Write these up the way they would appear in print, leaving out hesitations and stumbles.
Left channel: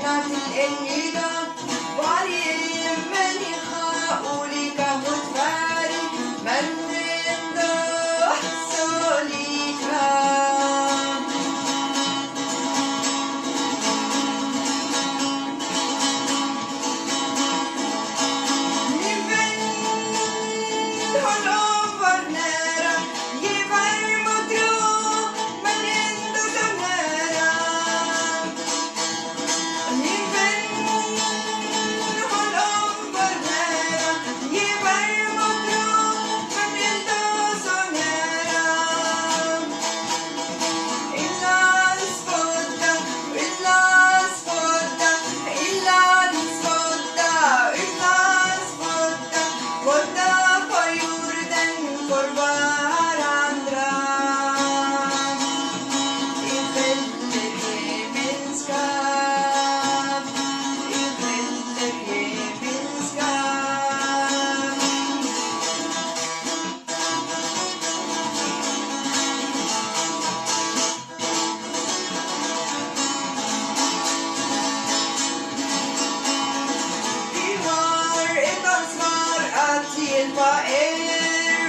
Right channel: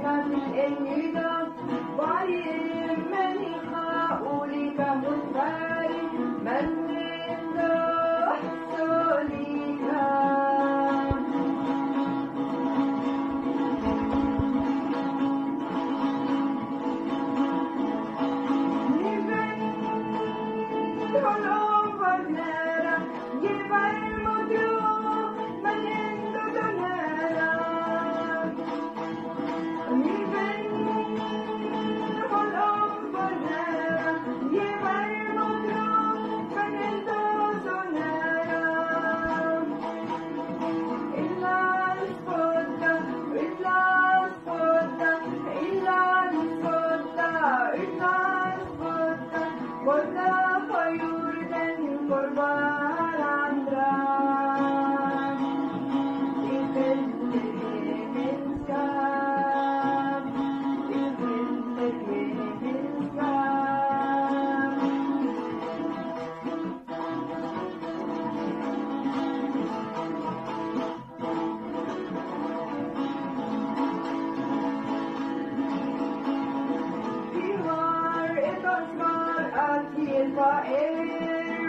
أقنعت النظام وعلي من يخاولي كهوت فاري من عنده سوليكا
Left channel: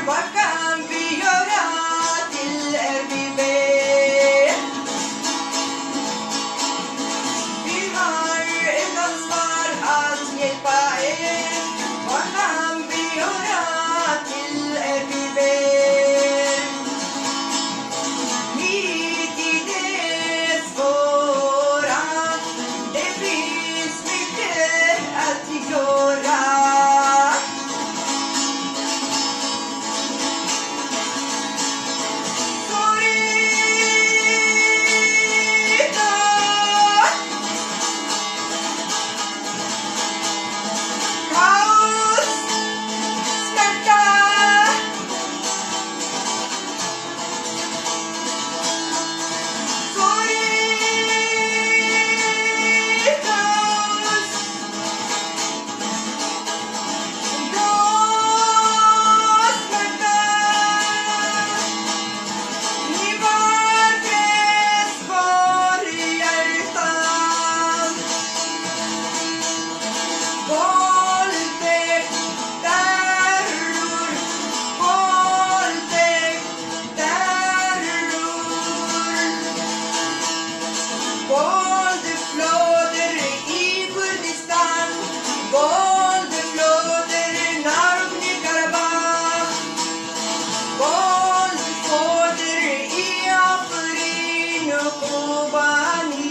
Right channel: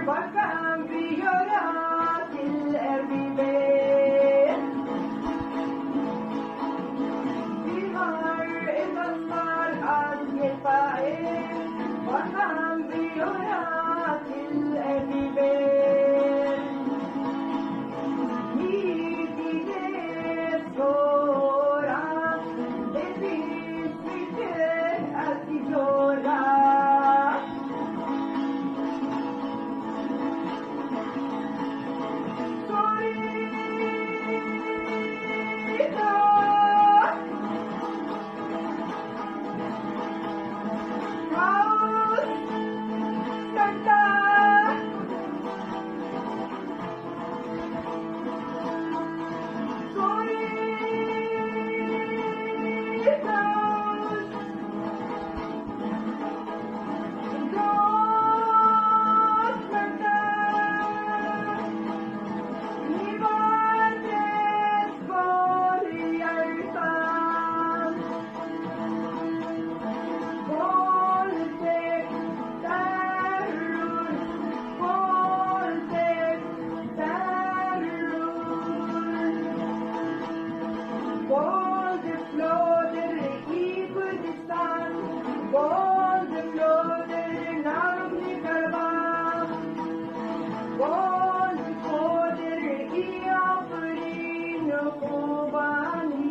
Vad kan vi göra till RBB? Vi har ett ansvar att hjälpa er. Vad kan vi göra till RBB? Mitt i det svåra, det finns mycket att göra. Våld flödar i Kurdistan, våld flödar i Nagorno-Karabach, våld flödar i Afrin och Kobani.